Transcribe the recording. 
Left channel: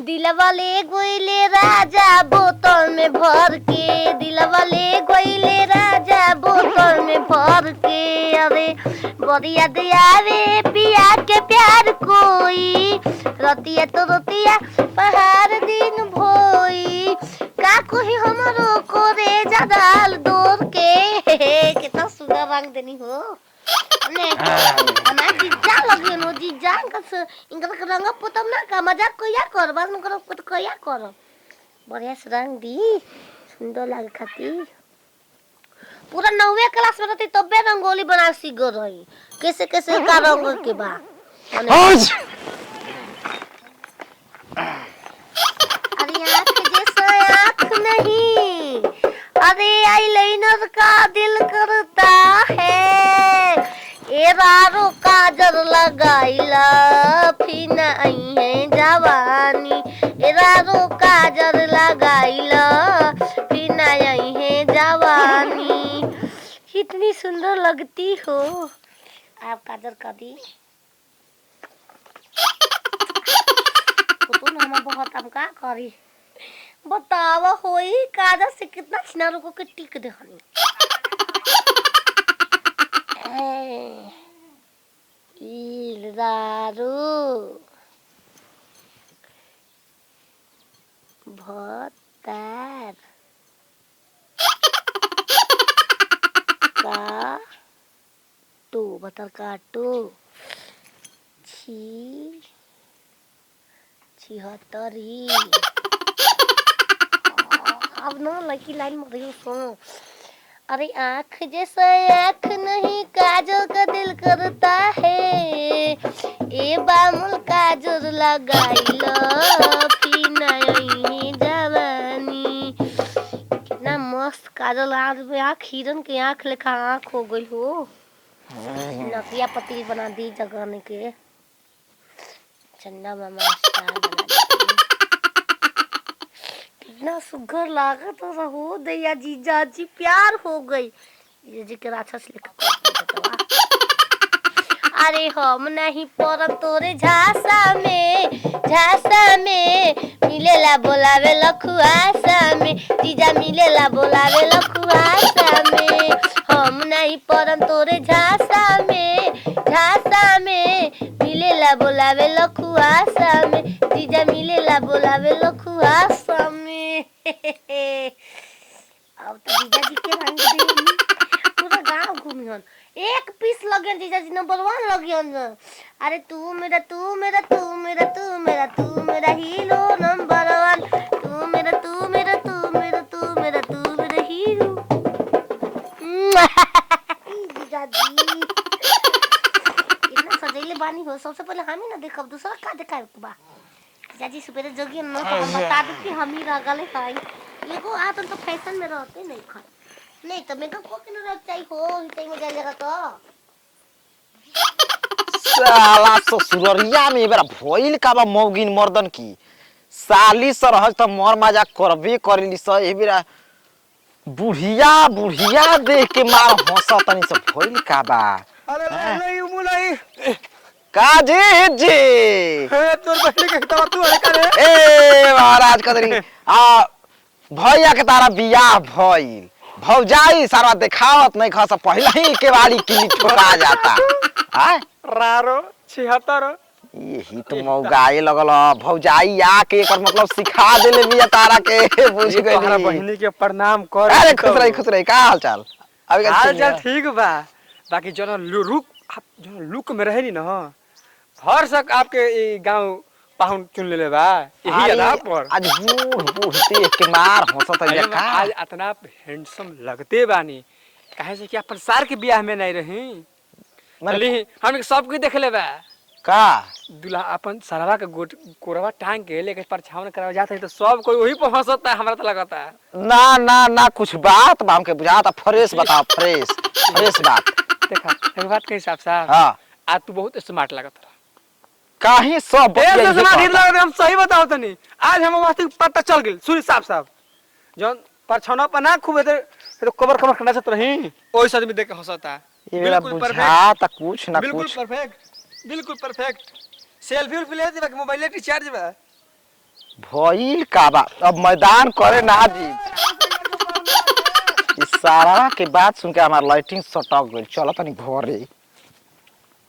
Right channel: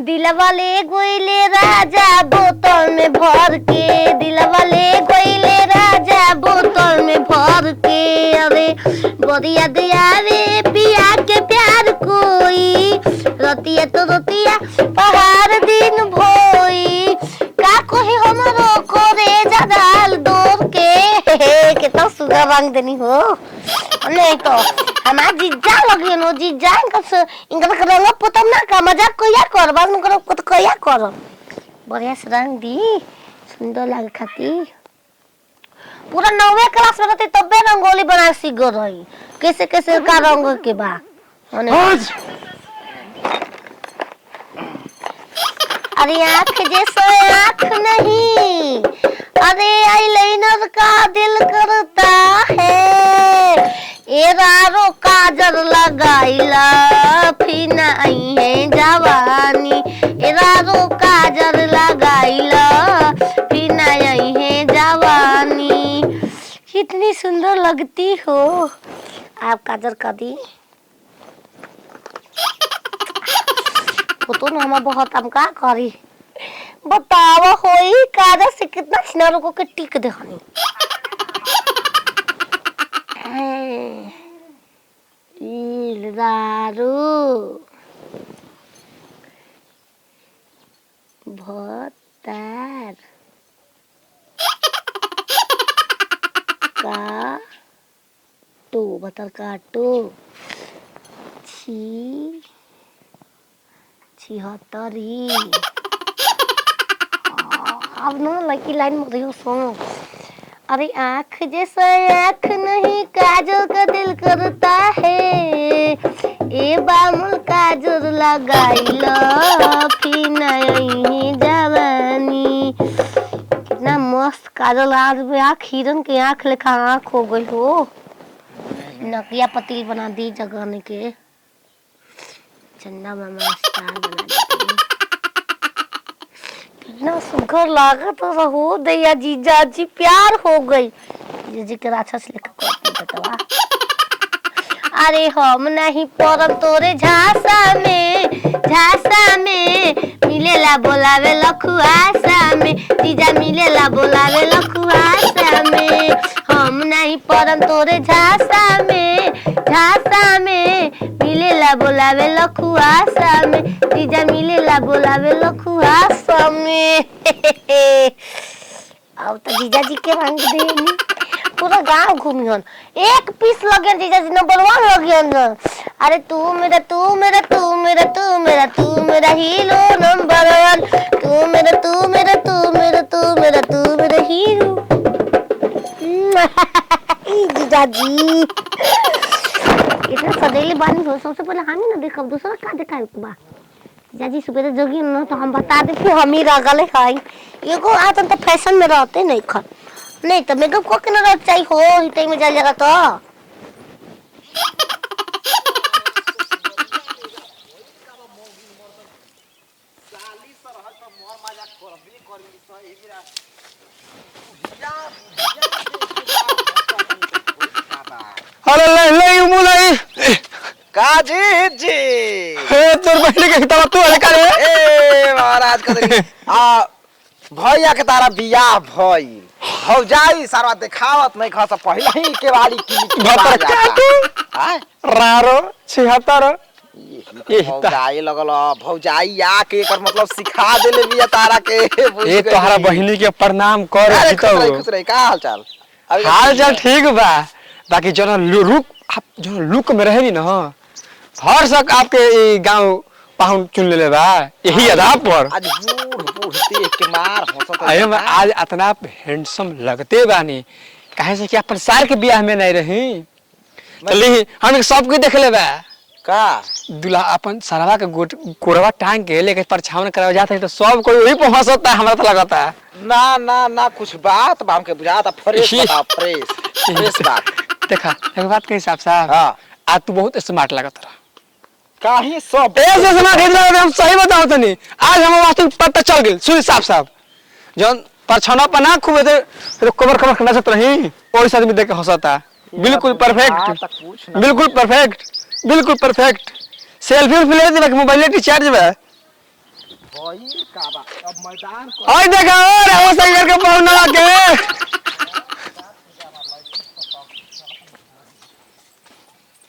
दिलवा ले गोइले राजा बोतल में भर के, दिलवा ले गोइले राजा बोतल में भर के। अरे बरिया दियावे पिया के प्यार कोई, रतिया तो रतिया पहाड़ दिन भोई। का कोई हमरो कोरे जदाल दूर के। कितना सुंदर रंग देनी हो। नहीं तो हमारा जीजा लगी नो, जीजा इनका रंग पोतम ना का मजाक कोया कर, बाद में करो तो कोया कर। बढ़िया से रंग दी, सुंदर लागे खाती। पूरा 9वीं क्लास में रहते तबे रंगोली बना सीख गई रही। कैसे कैसे का रंग के बा अरे आँख जैसे आँख नहीं, अरे आईलाइनर का दिल करता है। एरारो काजल लगाइला फिर आई है जवानी, एरारो काजल लगाइला फिर आई है जवानी। कितनी सुंदर लगती हो आप। काजल का दी तो ना हम बहुत हम का करी बतावा होई। काजल से कितना छिनारो को के टिक दे हनी। इलदारू भतार काटो, भतार काटो। छिहत्तरी। अब ना लड़की लाइन में रही सुनो। अरे आँख जैसा आँख नहीं, काजल का दिल करता है। ए बामुल काजल लगाइला फिर नहीं जवानी। कितना मस्त काजल। आज भी आँख हिरन के आँख लेखा आँख हो गई हो। नकिया पतिल बना दी जगाने के। चंदा मामा स्टार बना दी। कितना सुघर लागत रहो दैया जीजा जी। प्यार हो गई जीजी के राक्षस लेकर। अरे हम नहीं पड़ब तोरे झांसा में, झांसा में मिलेला बोलावे लखुआसा में। जीजा मिलेला बोलावे लखुआसा में। हम नहीं पड़ब तोरे झांसा में, झांसा में मिलेला बोलावे लखुआसा में। जीजा मिलेला बोलावे लखुआसा में। अब तो जीजा जी के रंग देनी। पूरा गांव घूमियन। एक पीस लगे जीजा जी नंबर 1 लगियन। अरे तू मेरा तू मेरा तू मेरा तू मेरा तू मेरा हीरो नंबर 1। तू मेरा तू मेरा तू मेरा तू मेरा तू मेरा हीरो। जीजा जी इतना सदैले बानी हो। सबसे पहले हम ही ना देखब, दूसरा का दिखाई बा। जीजा जी सुबह जोगी न तो हम बता दे कि हम ही रगले खाई। एगो आज तो फैशन में रहते नहीं खा, नहीं तो मेकअप को के ना रह चाहिए हो। हिते में चल जाएगा तो साला ससुररिया में बेरा भइल का बा मौगिन मर्दन की। साली सरहज तो मर मजाक करबे करिली स। ए बेरा बुढ़िया बुढ़िया देख के मार हंसतनी सब भइल का बा। अरे ले ले मुलाई काजे जी हे तोर बहन के तो तू करे। ए महाराज कर आ भैया के तारा बियाह भइल। भौजाई सारा देखावत नहीं खा। पहले ही के बारी की बता जाता है। रारो 76 यही तो मौगाई लगल। भौजाई आके एकर मतलब सिखा देले बिया तारा के। ये तोहरा बहिनी के प्रणाम कर। अरे खुश रही का हाल चाल। हाल चाल ठीक बा। बाकी जना रुक आप जना लुक में रहे नी ना, हर सक आपके गांव पाहुन चुन ले बा। यही आधार पर आज बूढ़ देख के मार हंसत है। आज इतना हैंडसम लगते बानी। काहे से कि अपन सार के बियाह में नहीं रही। चली हम सबके देख ले बा का दूल्हा अपन सरवा के कोरवा टांग के लेके परछावन करावे जात है तो सब कोई वही पे हंसता है। हमरा तो लगता है ना ना ना कुछ बात बा हमके बुझाता। फ्रेश बता फ्रेश फ्रेश ना। देखा एक बात के हिसाब से हां आज तू बहुत स्मार्ट लगत रहा। काहे सब ऐसे स्मार्ट इधर हम सही बताओ तनी। आज हम वास्तव पता चल गेल सुई साहब साहब जन परछाना पना खूब तो कमर कमर करने से रही ओई से आदमी देख के हंसता। बिल्कुल परफेक्ट कुछ ना बिल्कुल परफेक्ट बिल्कुल परफेक्ट। सेल्फी ले दे मोबाइल रिचार्ज बा। भइल का बा अब मैदान ओए करे देखा और आवाज साइकिल के पाउना के सारा के बात सुन के हमार लाइटिंग सटक गइल चलो तनी घरे